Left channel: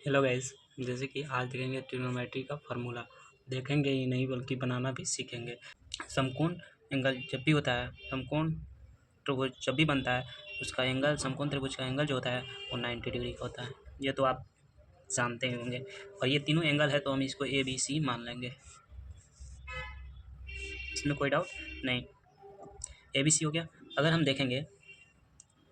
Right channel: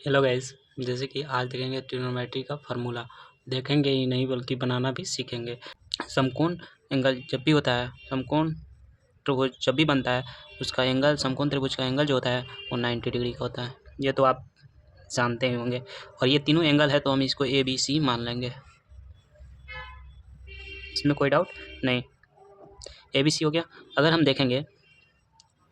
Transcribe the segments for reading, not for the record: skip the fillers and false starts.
Hello guys, जैसे कि आज देखेंगे ट्रिग्नोमेट्री का फार्मूला। देखेंगे ही नहीं बल्कि बनाना भी सीखेंगे। समकोण एंगल जब भी होता है, समकोण त्रिभुज जब भी बनता है, उसका एंगल, समकोण त्रिभुज का एंगल जो होता है वो 90 डिग्री का होता है। ये तो आप जानते ही होंगे। और ये तीनों एंगल है तो हम इसको ए बी सी मान लेंगे। इसमें कोई डाउट नहीं। ए बी सी हो गया। अगर हम देखेंगे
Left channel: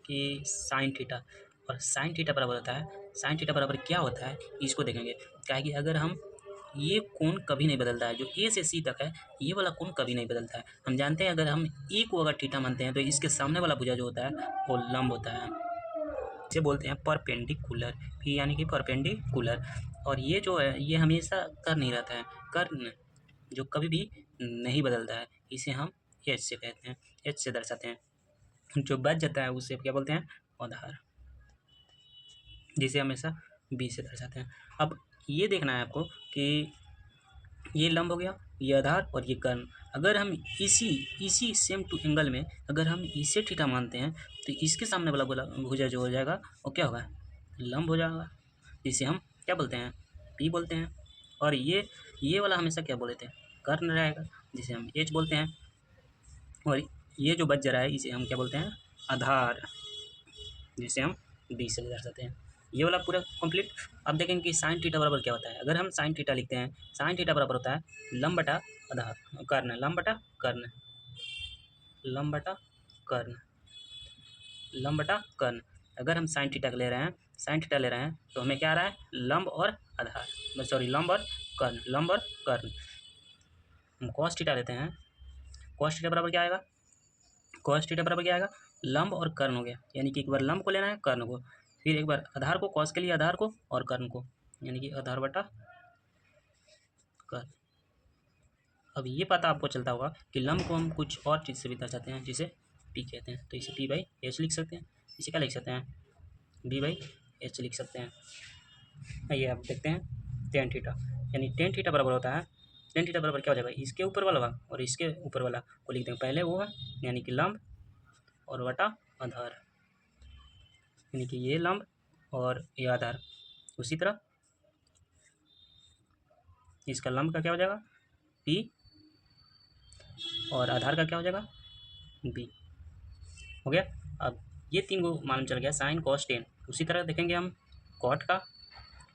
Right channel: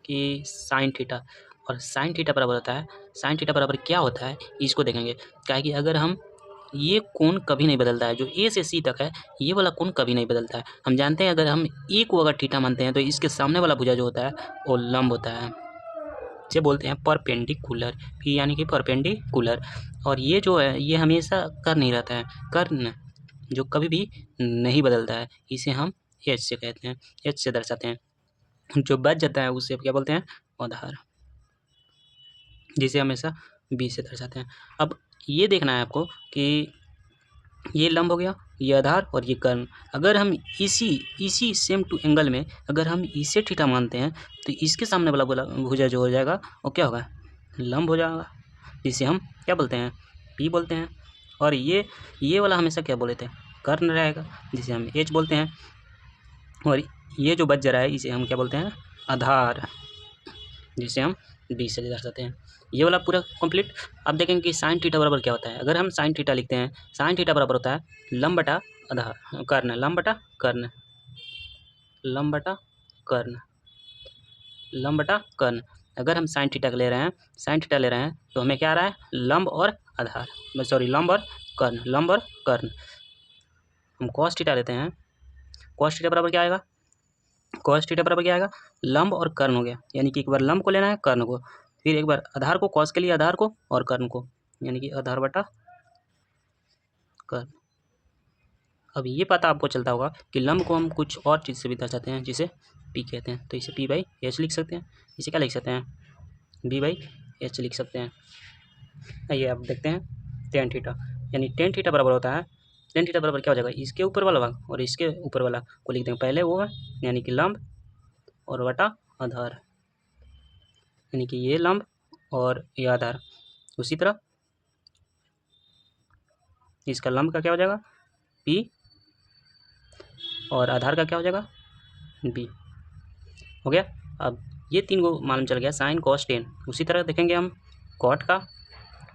कि साइन थीटा, और साइन थीटा बराबर होता है, साइन थीटा बराबर क्या होता है इसको देखेंगे। क्या है कि अगर हम, ये कोण कभी नहीं बदलता है, जो ए से सी तक है ये वाला कोण कभी नहीं बदलता है। हम जानते हैं अगर हम ए को अगर थीटा मानते हैं तो इसके सामने वाला भुजा जो होता है वो लंब होता है, इसे बोलते हैं परपेंडिकुलर। पी यानी कि परपेंडिकुलर। और ये जो है ये हमेशा कर नहीं रहता है, कर्ण जो कभी भी नहीं बदलता है, इसे हम एच से कहते हैं, एच से दर्शाते हैं। जो बच जाता है उसे क्या बोलते हैं, आधार, जिसे हमेशा बी से दर्शाते हैं। अब ये देखना है आपको कि ये लंब हो गया, ये आधार और ये कर्ण। अगर हम इसी सेम टू एंगल में अगर हम इसे थीटा मानते हैं तो इसके सामने वाला भुजा जो हो जाएगा वो क्या होगा, लंब हो जाएगा, जिसे हम क्या बोलते हैं, पी बोलते हैं। और ये वाला हमेशा क्या बोले थे, कर्ण रहेगा, जिसे हम एच बोलते हैं। और ये जो बच जा रहा है इसे हम क्या बोलते हैं, आधार, जिसे हम बी से दर्शाते हैं। ये वाला पूरा कंप्लीट। अब देखेंगे कि साइन थीटा बराबर क्या होता है। अगर हम साइन थीटा लिखते हैं, साइन थीटा बराबर होता है लंब बटा आधार, कर्ण, लंब बटा कर्ण, लंब बटा कर्ण, लंब बटा कर्ण। अगर हम साइन थीटा ले रहे हैं, साइन थीटा ले रहे हैं तो हमें क्या आ रहा है, लंब और आधार, सॉरी लंब और कर्ण, लंब और कर्ण। हम कॉस थीटा लेते हैं, कॉस थीटा बराबर क्या आएगा, कॉस थीटा बराबर क्या आएगा, लंब और कर्ण हो गया। यानी कि एक बार लंब को लेना है, कर्ण को, फिर एक बार आधार को, कॉस के लिए आधार को और कर्ण को, यानी कि आधार बटा कर्ण। अब ये पता आपको चलता होगा कि लंब को हम कुछ और चीज़ से भी दर्शाते हैं, जिसे पी कहते हैं। तो इसे पी बाई एच लिख सकते हैं, इसे क्या लिख सकते हैं, बी बाई एच लिख सकते हैं। आइए अब देखते हैं टेन थीटा। यानी टेन थीटा बराबर होता है, टेन थीटा बराबर क्या हो जाएगा, इसके ऊपर वाला भाग और इसके ऊपर वाला को लिख देंगे पहले, वो है यानी कि लंब और बटा आधार, यानी कि ये लंब और ये आधार। उसी तरह इसका लंब का क्या हो जाएगा, पी, और आधार का क्या हो जाएगा, बी। हो गया। अब ये तीन को मालूम चल गया, साइन कॉस टेन। उसी तरह देखेंगे हम कॉट का,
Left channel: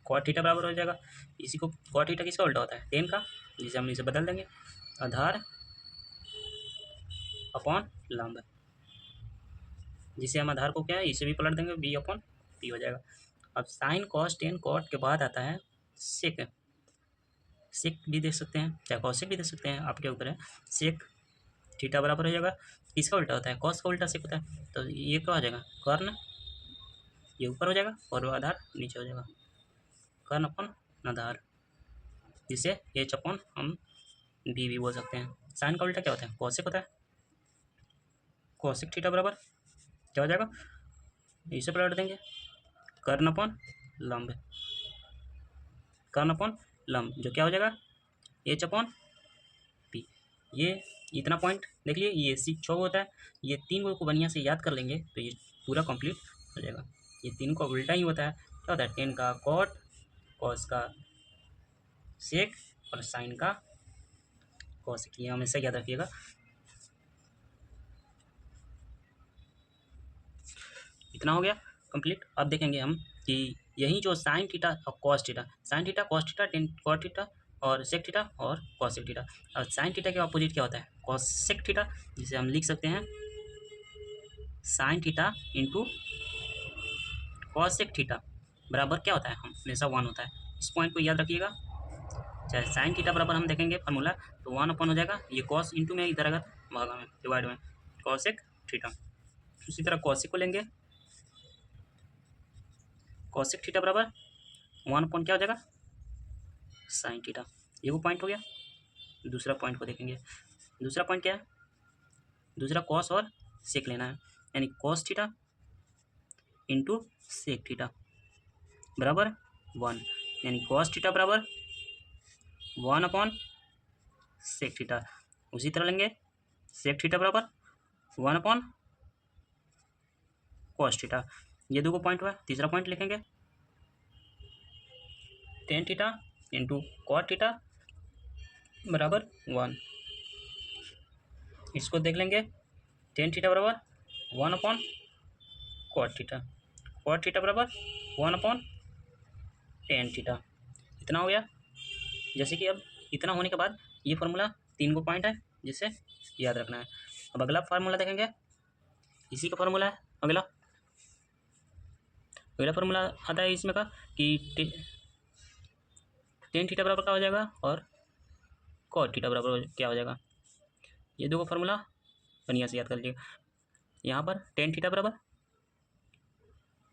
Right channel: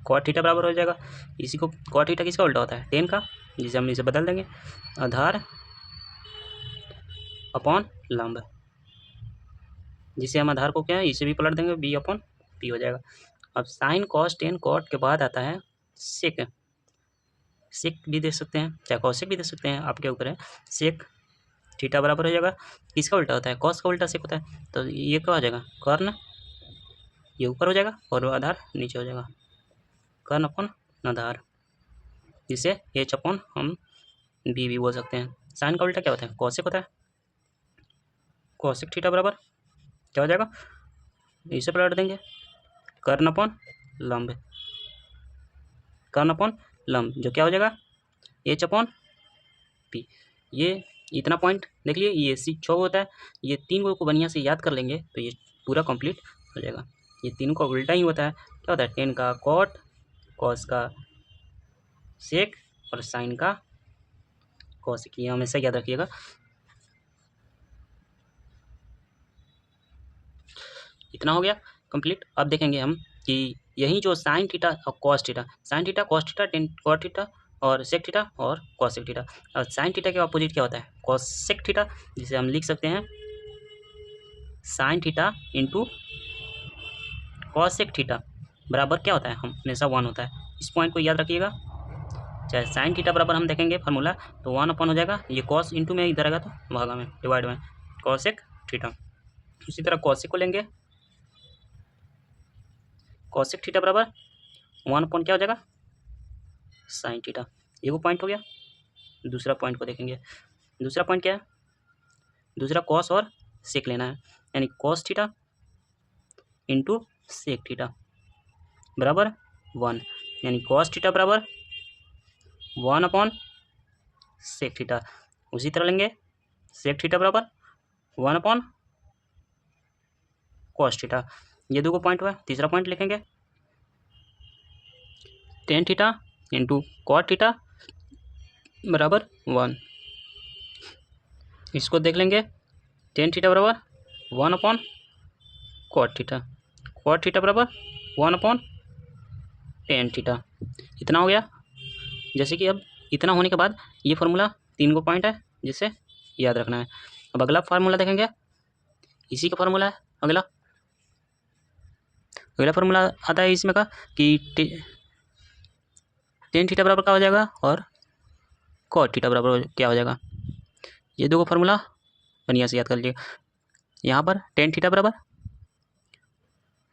कॉट थीटा बराबर हो जाएगा, इसी को कॉट थीटा किसका उल्टा होता है, टेन का, जिसे हम इसे बदल देंगे आधार अपॉन लंब, जिसे हम आधार को क्या है इसे भी पलट देंगे, बी अपॉन पी हो जाएगा। अब साइन कॉस टेन, कॉट के बाद आता है सेक, सेक भी दे सकते हैं, चाहे कॉसेक भी दे सकते हैं, आपके ऊपर है। सेक थीटा बराबर हो जाएगा, किसका उल्टा होता है, कॉस का उल्टा सेक होता है, तो ये क्या हो जाएगा, कर्ण, ये ऊपर हो जाएगा और आधार नीचे हो जाएगा, कर्ण अपॉन आधार, जिसे एच अपॉन हम बी भी बोल सकते हैं। साइन का उल्टा क्या होता है, कॉसेक होता है, कॉसेक थीटा बराबर क्या हो जाएगा, इसे पलट देंगे, कर्ण अपॉन लंब, कर्ण अपॉन लंब, जो क्या हो जाएगा, एच अपॉन पी। ये इतना पॉइंट देख लिए, ये सी 6 होता है। ये तीन को बढ़िया से याद कर लेंगे तो ये पूरा कंप्लीट हो जाएगा। ये तीनों का उल्टा ही होता है, क्या होता है, टेन का कॉट, कॉस का सेक और साइन का कॉसेक, ये हमेशा याद रखिएगा। इतना हो गया कंप्लीट। अब देखेंगे हम कि यही जो साइन थीटा और cos theta, sine theta cos theta, tan cot theta और सेक थीटा और कॉसेक थीटा। और साइन थीटा के अपोजिट क्या होता है, कॉसेक थीटा, जिसे हम लिख सकते हैं sine theta into cosec theta बराबर क्या होता है, हम हमेशा वन होता है। इस पॉइंट को याद रखिएगा। चाहे साइन थीटा बराबर हम देखेंगे फार्मूला तो वन अपॉन हो जाएगा, ये कॉस इंटू में इधर आएगा तो भागा में डिवाइड में कॉसेक थीटा। उसी तरह कॉसेक को लेंगे, कॉसेक थीटा बराबर वन अपॉन क्या हो जाएगा, साइन थीटा। ये वो पॉइंट हो गया। दूसरा पॉइंट को देखेंगे, दूसरा पॉइंट क्या है, दूसरा कॉस और सेक लेना है, यानी cos theta into sec theta बराबर वन, यानी कॉस थीटा बराबर वन अपॉन सेक थीटा। उसी तरह लेंगे सेक थीटा बराबर वन अपॉन कॉस थीटा। ये दो पॉइंट हुआ। तीसरा पॉइंट लिखेंगे tan theta into cot theta बराबर 1। इसको देख लेंगे, टेन थीटा बराबर 1 अपॉन कॉट थीटा बराबर 1 अपॉन टेन थीटा। इतना हो गया। जैसे कि अब इतना होने के बाद ये फार्मूला 3 को पॉइंट है जिसे याद रखना है। अब अगला फार्मूला देखेंगे, इसी का फार्मूला है अगला फार्मूला आता है इसमें का कि टेन थीटा बराबर क्या हो जाएगा और कॉट थीटा बराबर क्या हो जाएगा। ये दो फार्मूला बढ़िया से याद कर लीजिएगा। यहाँ पर टेन थीटा बराबर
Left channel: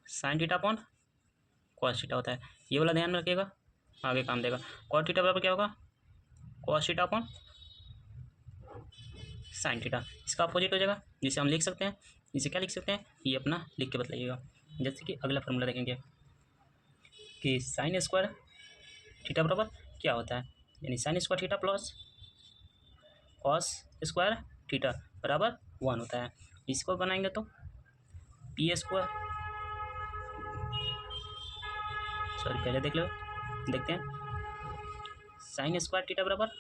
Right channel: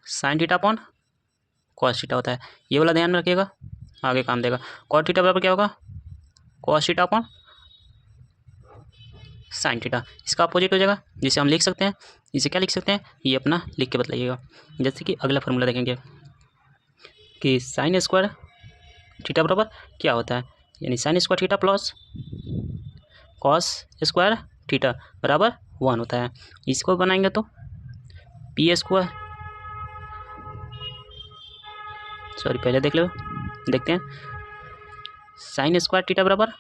sine theta upon cos theta होता है, ये वाला ध्यान में रखिएगा, आगे काम देगा। कॉट थीटा बराबर क्या होगा, cos theta upon sine theta, इसका अपोजिट हो जाएगा, जिसे हम लिख सकते हैं, इसे क्या लिख सकते हैं, ये अपना लिख के बताइएगा। जैसे कि अगला फार्मूला देखेंगे कि साइन स्क्वायर थीटा बराबर क्या होता है, यानी sign square theta plus cos square theta बराबर 1 होता है। इसको बनाएंगे तो पी स्क्वायर, सॉरी पहले देख लो, देखते हैं। साइन स्क्वायर थीटा बराबर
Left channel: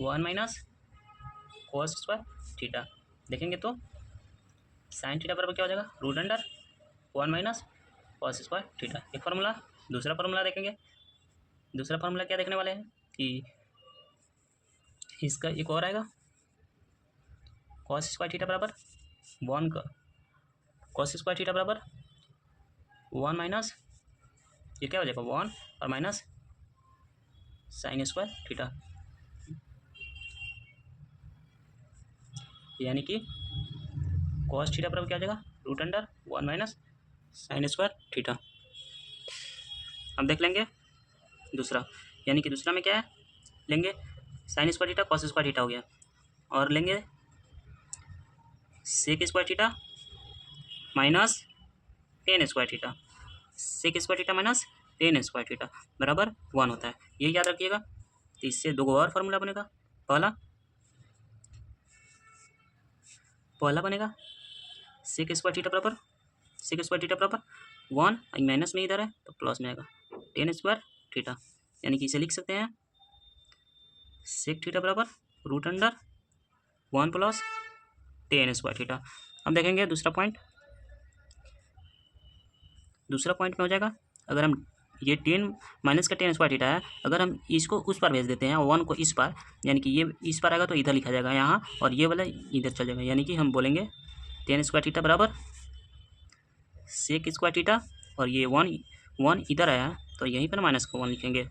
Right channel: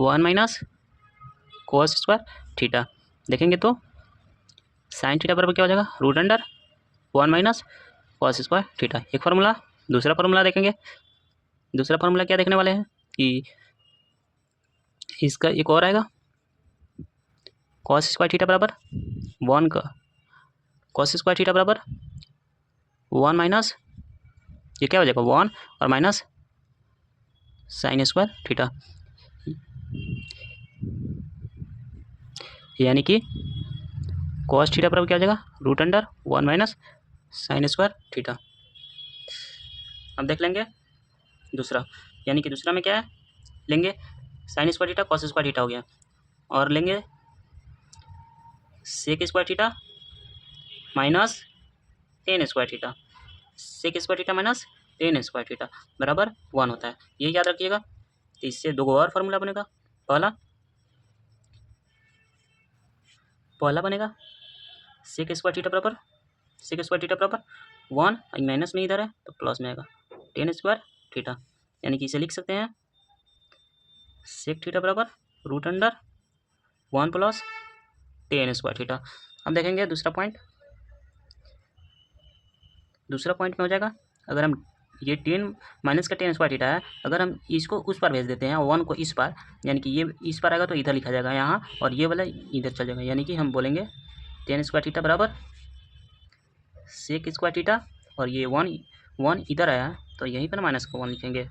1 माइनस कॉस स्क्वायर थीटा, देखेंगे तो साइन थीटा बराबर क्या हो जाएगा, root under 1 minus cos square theta, एक फार्मूला। दूसरा फार्मूला देखेंगे, दूसरा फार्मूला क्या देखने वाले हैं कि इसका एक और आएगा, कॉस स्क्वायर थीटा बराबर 1 का कॉस स्क्वायर थीटा बराबर 1 माइनस, ये क्या हो जाएगा 1 और माइनस साइन स्क्वायर थीटा, यानी कि कॉस थीटा बराबर क्या हो जाएगा, root under 1 minus sine square theta. अब देख लेंगे दूसरा, यानी कि दूसरा में क्या है, लेंगे sine square theta cos square theta हो गया, और लेंगे sec square theta minus tan square theta, sec square theta minus tan square theta बराबर 1 होता है, ये याद रखिएगा। तो इससे दो और फार्मूला बनेगा, पहला बनेगा सेक स्क्वायर थीटा बराबर 1, माइनस में इधर है तो प्लस में आएगा टेन स्क्वायर थीटा, यानी कि इसे लिख सकते हैं सेक थीटा बराबर root under 1 plus tan square theta. अब देखेंगे दूसरा पॉइंट में हो जाएगा, अगर हम ये टेन माइनस का टेन स्क्वायर थीटा है, अगर हम इसको उस पर भेज देते हैं 1 को इस पर, यानी कि ये इस पर आएगा तो इधर लिखा जाएगा यहाँ, और ये वाला इधर चल जाएगा, यानी कि हम बोलेंगे टेन स्क्वायर थीटा बराबर सेक स्क्वायर थीटा, और ये 1 इधर आया तो यहीं पर माइनस का 1 लिखेंगे,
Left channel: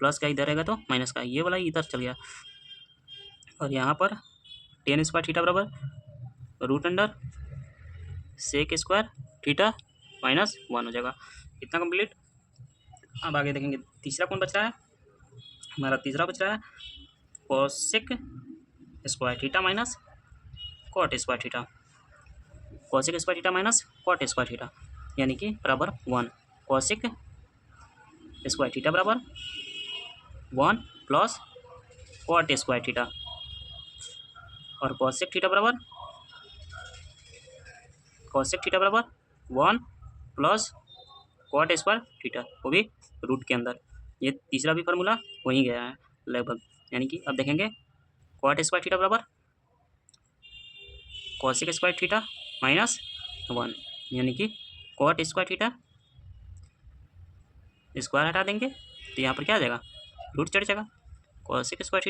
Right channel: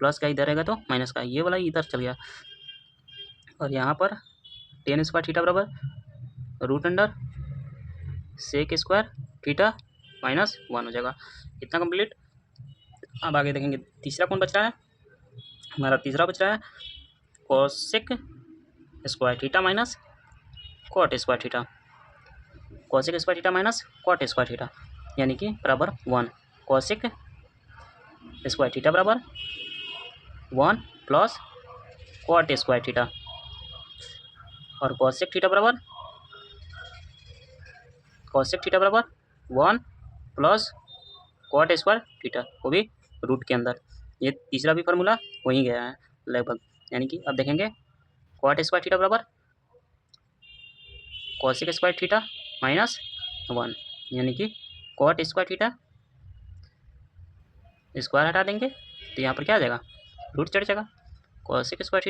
प्लस का इधर आएगा तो माइनस का, ये वाला इधर चल गया, और यहाँ पर टेन स्क्वायर थीटा बराबर root under sec square theta minus 1 हो जाएगा। इतना कंप्लीट। अब आगे देखेंगे तीसरा कौन बच रहा है, हमारा तीसरा बच रहा है cosec square theta minus cot square theta, cosec square theta minus cot square theta, यानी कि बराबर 1, कोसेक स्क्वायर थीटा बराबर 1 प्लस कॉट स्क्वायर थीटा, और कोसेक थीटा बराबर 1 प्लस कॉट स्क्वायर थीटा, वो भी रूट के अंदर। ये तीसरा भी फार्मूला वहीं गया है लगभग, यानी कि अब देखेंगे कॉट स्क्वायर थीटा बराबर कोसेक स्क्वायर थीटा माइनस 1, यानी कि कॉट स्क्वायर थीटा स्क्वायर हटा देंगे तो यहाँ पर क्या आ जाएगा, रूट चढ़ जाएगा, कोसेक स्क्वायर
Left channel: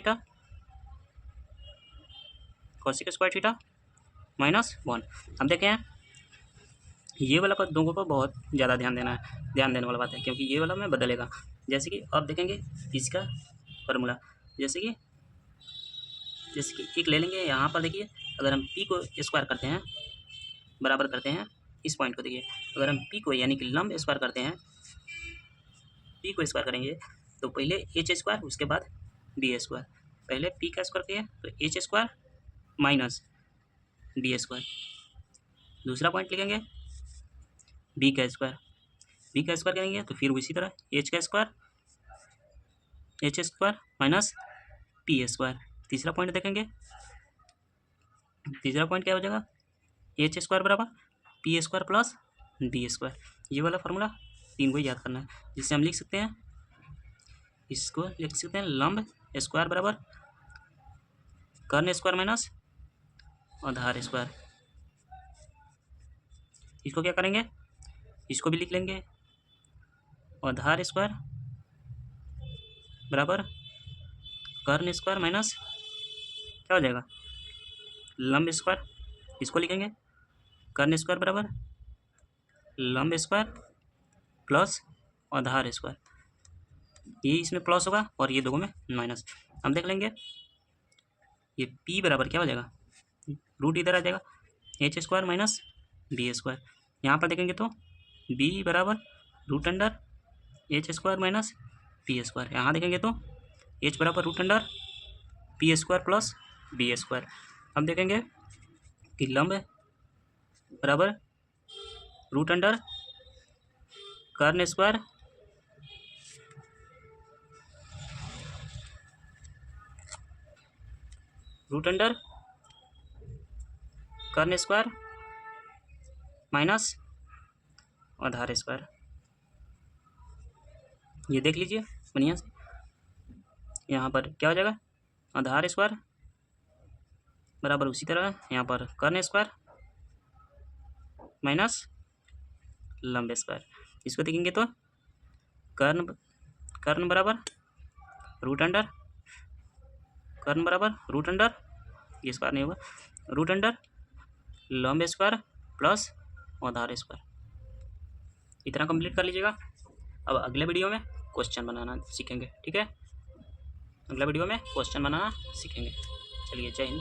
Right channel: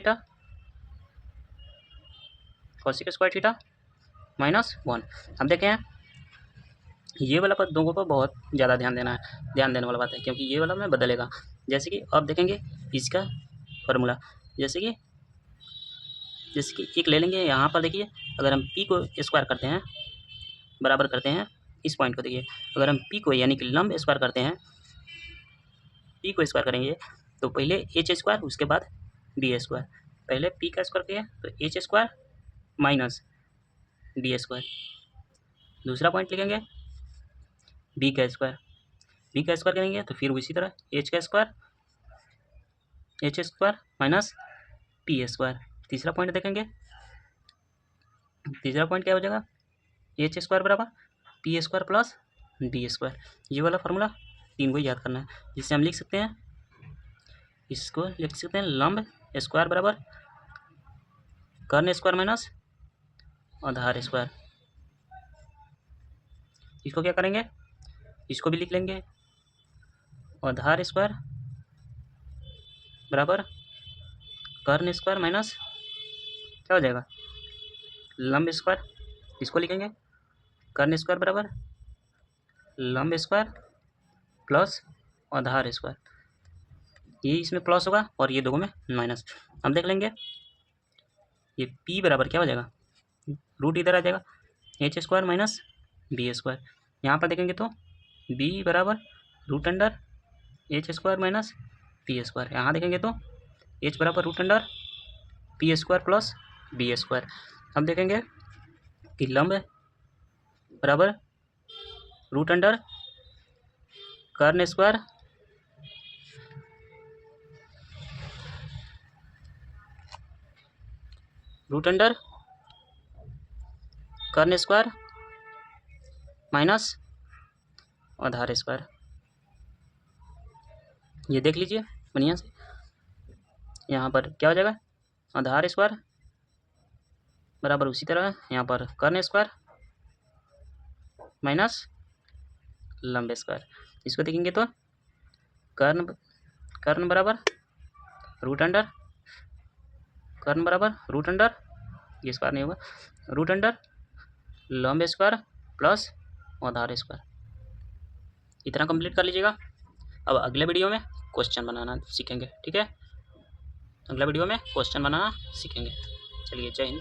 थीटा माइनस 1। अब देखें ये वाला पर दोनों को बहुत ज़्यादा ध्यान देने वाला बात है, क्योंकि ये वाला में बदलेगा। जैसे कि अब देखेंगे इसका फार्मूला, जैसे कि एक ले लेंगे, यहाँ पर देखिए अगर हम पी को स्क्वायर करते हैं, बराबर करते हैं इस पॉइंट को, देखिए अगर हम पी को यानी कि लंब स्क्वायर करते हैं, पी को स्क्वायर करेंगे तो पहले एच स्क्वायर उसके बाद बी स्क्वायर, पहले पी का स्क्वायर किया तो H square minus B square, दूसरा पॉइंट लिखेंगे बी का स्क्वायर करेंगे तो फिर उसी तरह H square minus P square, तीसरा पॉइंट देखेंगे, तीसरा पॉइंट क्या हो जाएगा, एच स्क्वायर बराबर P square plus B square, ये वाला फार्मूला तीन को याद करना है, जिससे हम लिख सकते हैं, इसको लिख सकते हैं लंब स्क्वायर बराबर कर्ण स्क्वायर माइनस आधार स्क्वायर। इसको क्या करेंगे, इसको भी लिख लेंगे, आधार स्क्वायर बराबर कर्ण स्क्वायर माइनस क्या हो जाएगा लंब स्क्वायर। इसको लिखेंगे कर्ण स्क्वायर बराबर लंब स्क्वायर प्लस आधार स्क्वायर, ये इसमें प्लस होगा और ये दोनों में माइनस। अब देख लेंगे ये p बराबर क्या हो जाएगा, रूट इधर आ जाएगा H square minus B square. यहाँ पर देखेंगे तो b बराबर root under H square minus P square. यहाँ देखेंगे तो h बराबर root under P square plus B square. अब देखेंगे कि लंब बराबर रूट अंडर कर्ण स्क्वायर रूट अंडर कर्ण स्क्वायर माइनस आधार स्क्वायर। ये देख लीजिए बढ़िया से, यहाँ पर क्या हो जाएगा आधार स्क्वायर बराबर उसी तरह यहाँ पर कर्ण स्क्वायर माइनस लंब स्क्वायर। इसको देखेंगे तो कर्ण बराबर रूट अंडर कर्ण बराबर रूट अंडर, ये स्क्वायर नहीं होगा, रूट अंडर लंब स्क्वायर प्लस आधार स्क्वायर। इतना कंप्लीट कर लीजिएगा। अब अगले वीडियो में क्वेश्चन बनाना सीखेंगे, ठीक है, अगला वीडियो में क्वेश्चन बनाना सीखेंगे। चलिए जय हिंद।